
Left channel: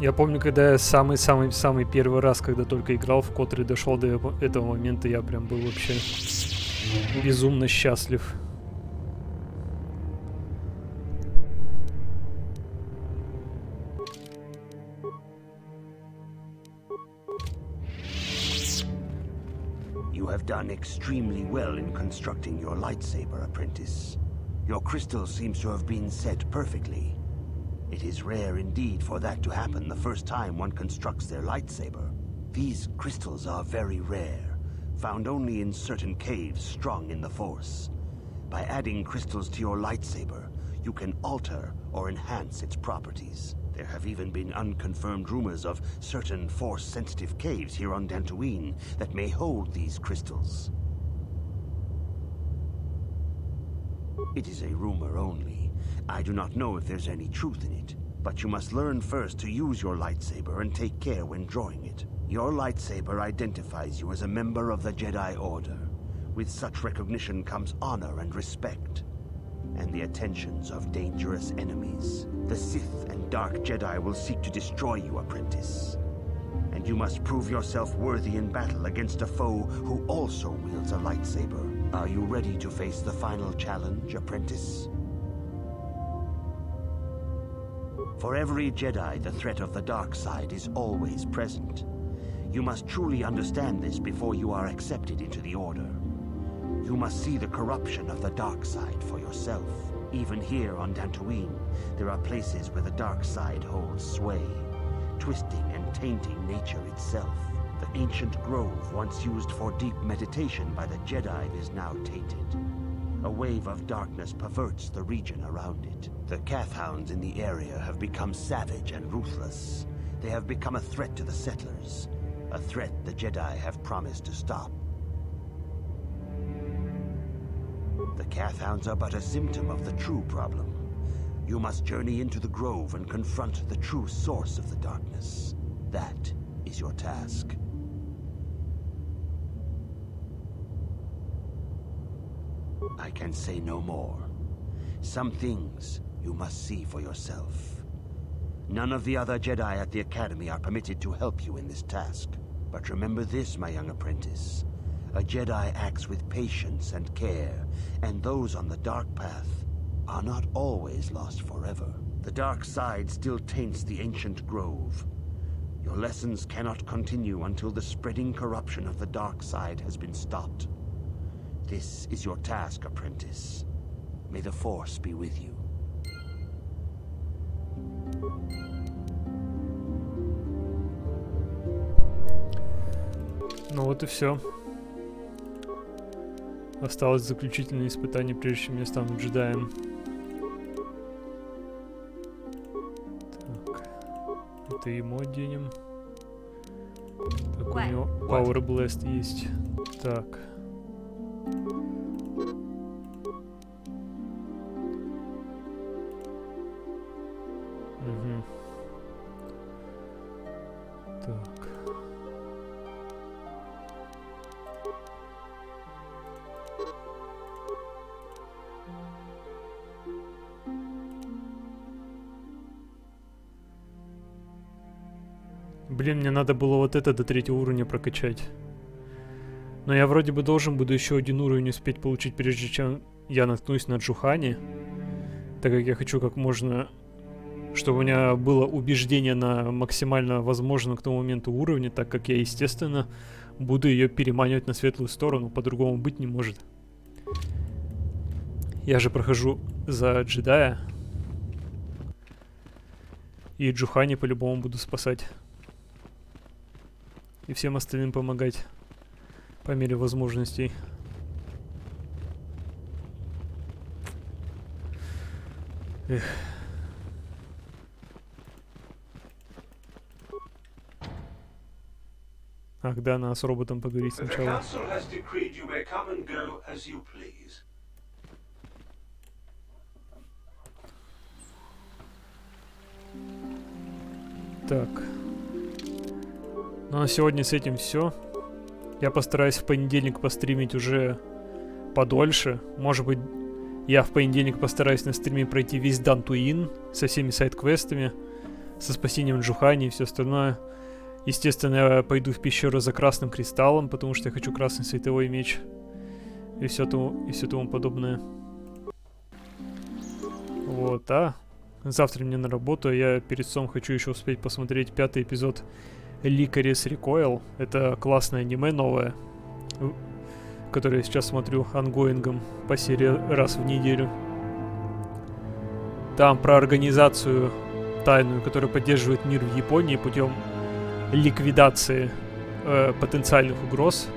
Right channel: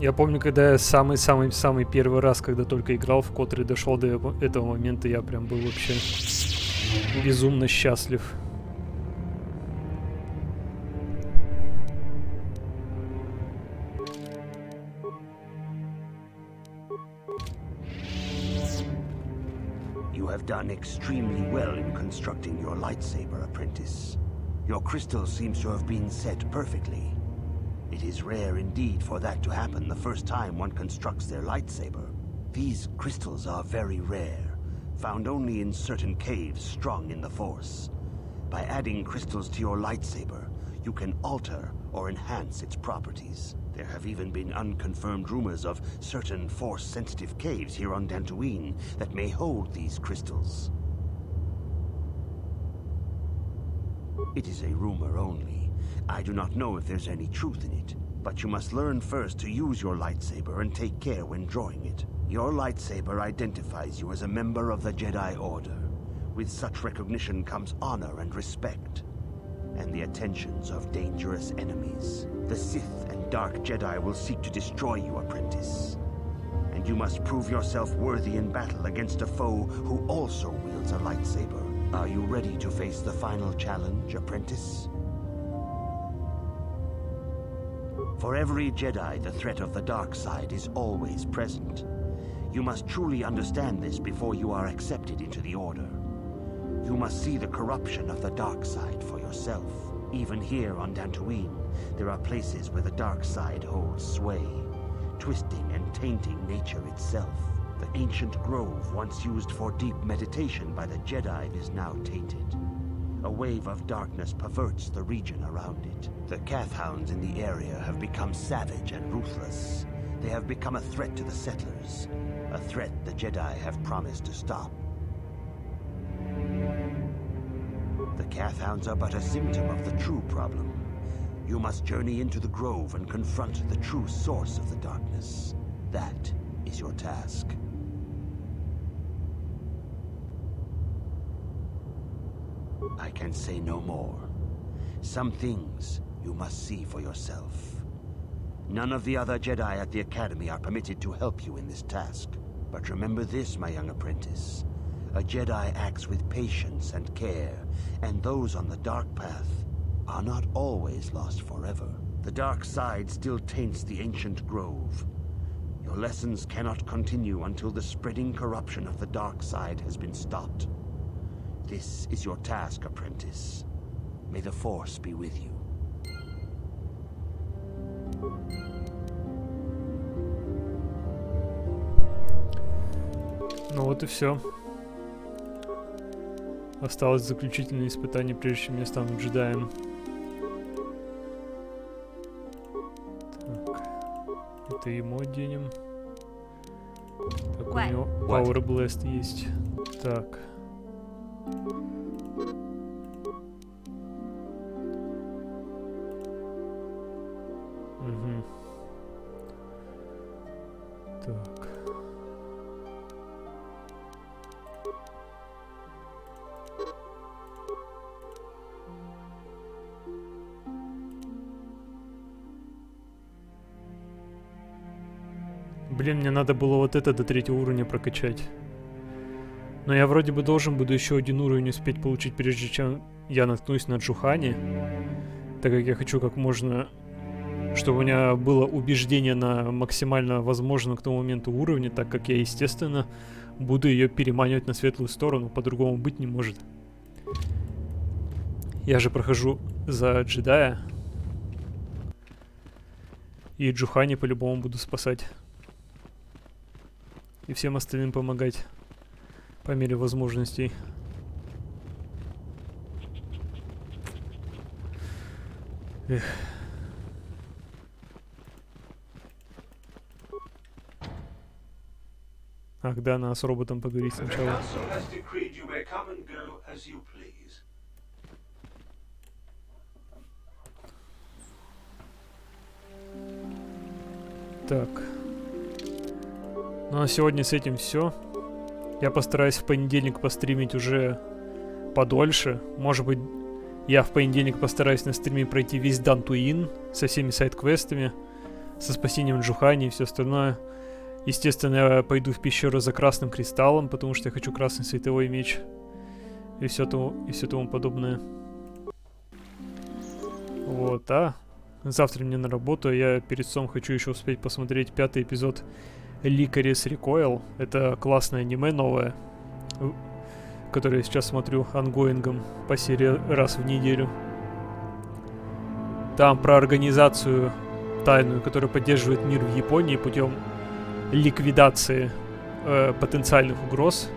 Я помню, когда я самый первый раз, когда только играл в Котр и дошел до этого момента, я прям был вообще безумно счастлив. You have done extremely well in constructing your lightsaber, apprentice. Your crystal seems to have been set perfectly. It is rare indeed for that to happen the first time one constructs their lightsaber. These crystals are very rare, found only in certain caves strong in the Force. By adding crystals to your lightsaber, you can alter or enhance its properties. There have even been unconfirmed rumors of certain Force-sensitive caves here on Dantooine that may hold these crystals. It is a rumor only. I do not know if there's any truth in it, but you must learn first to use your lightsaber and take care when drawing it. Your lightsaber identifies you as a member of the Jedi Order. With such recognition comes honor and respect, and the attentions of dangerous enemies. The Sith and Dark Jedi will seek to destroy you, apprentice. And you must prove yourself worthy in battle against a foe who also wields a lightsaber. Are you ready to face the final challenge, apprentice? For every Jedi, the threat of the dark side is always present. You must truly understand this before you are accepted into the Order. You must see the corruption of the dark side for yourself. Even here on Dantooine, there are places where the dark side holds sway, twisting and tainting nature itself. The ancient grove once used for deep meditation by the Jedi is now tainted. A wave of darkness perverts the region around it. The Cath Hounds in the area have become savage and ruthless. They have become a threat to the settlers, a threat the Jedi have promised to stop. The Cath Hounds are but a symptom of the true problem. You must journey into the grove and confront the true source of the darkness. That is your task. I can say no more. Some things you must see for yourself. None of the other Jedi at the Academy are permitted to help you in this task. But remember this, my young apprentice. A Jedi acts with patience and care, and those on the dark path are not always lost forever. The dark side still taints the ancient grove. Your lessons cannot continue until the spreading corruption of the dark side has been stopped. This is your task, apprentice. May the Force be with you. Ну вот и все. Осталось заключительное испытание, прежде чем я стану джедаем. Так. Это ему оденем. Так, у него Power Blast есть. Так. Угу. Так. Блин, мне надо было вот это до 3-го уровня прокачать. Но я вроде бы должен буду еще 1 уровень успеть получить, прежде чем я наткнусь на Джухани. Так как я хочу как можно... Чтобы у меня было убеждение на максимально возможном к тому моменту уровне, так как я, естественно, буду ее переманивать на светлую сторону. По-другому быть не может. Я же прохожу за джедая. И Джухани по-любому буду спасать. И всем остальным помогать по мере возможностей. Эх. Ах да, надо с роботом поговорить сначала. Так. Ну а сегодня с этим все. Я постараюсь в понедельник постримить уже подольше. Может быть, Я в понедельник постараюсь на стриме пройти весь Дантуин со всеми сайд-квестами, со спасением Джухани и все остальное. Естественно, я пойду в пещеру за красным кристаллом, потому что я хочу красный световой меч и все тому подобное. Вот, завтра мне на работу, я перед сном хочу еще успеть посмотреть 5-й эпизод Licorice Recoil. Это классное аниме новое, которое я сейчас смотрю ангоингом по серии раз в неделю. Там про организацию тайную, которая поддерживает мир в Японии путем ликвидации потенциальных угроз.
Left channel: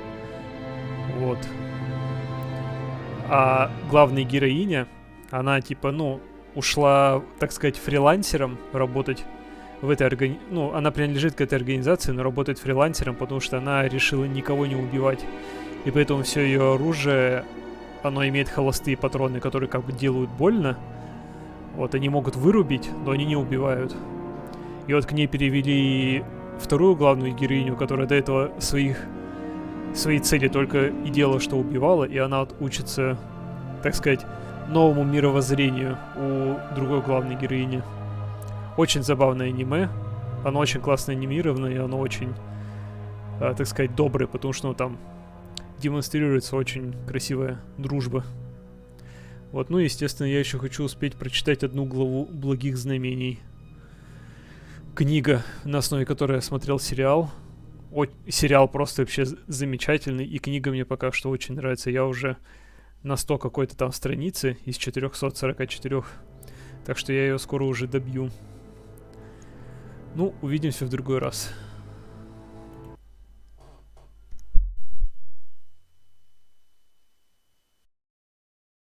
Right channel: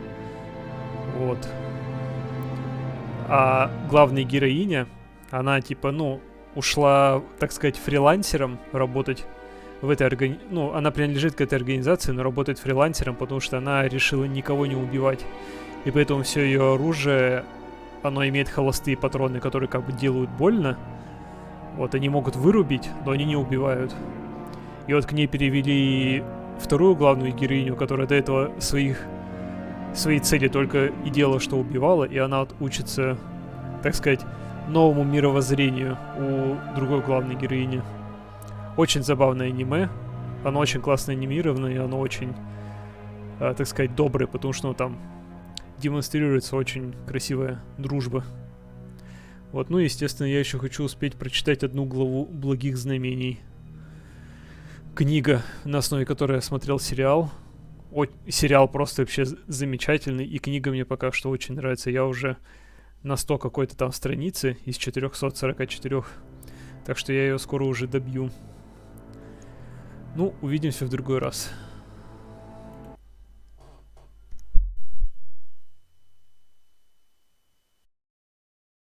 Вот. А главная героиня, она типа, ушла, так сказать, фрилансером работать в этой организации. Она принадлежит к этой организации, но работает фрилансером, потому что она решила никого не убивать. И поэтому все ее оружие, оно имеет холостые патроны, которые как бы делают больно. Вот, они могут вырубить, но они не убивают. И вот к ней перевели вторую главную героиню, которая до этого свои цели только и делала, что убивала, и она вот учится, так сказать, новому мировоззрению у другой главной героини. Очень забавное аниме. Оно очень классно анимировано, и оно очень, так сказать, доброе, потому что там демонстрируется очень красивая дружба. Вот, естественно, я еще хочу успеть прочитать одну главу «Благих знамений». Книга, на основе которой я смотрел сериал. Сериал просто вообще замечательный, и книга мне пока что очень нравится. Я уже на 100 какой-то там страницы из 444. Так что я ее скоро уже добью. Увидимся в другой раз.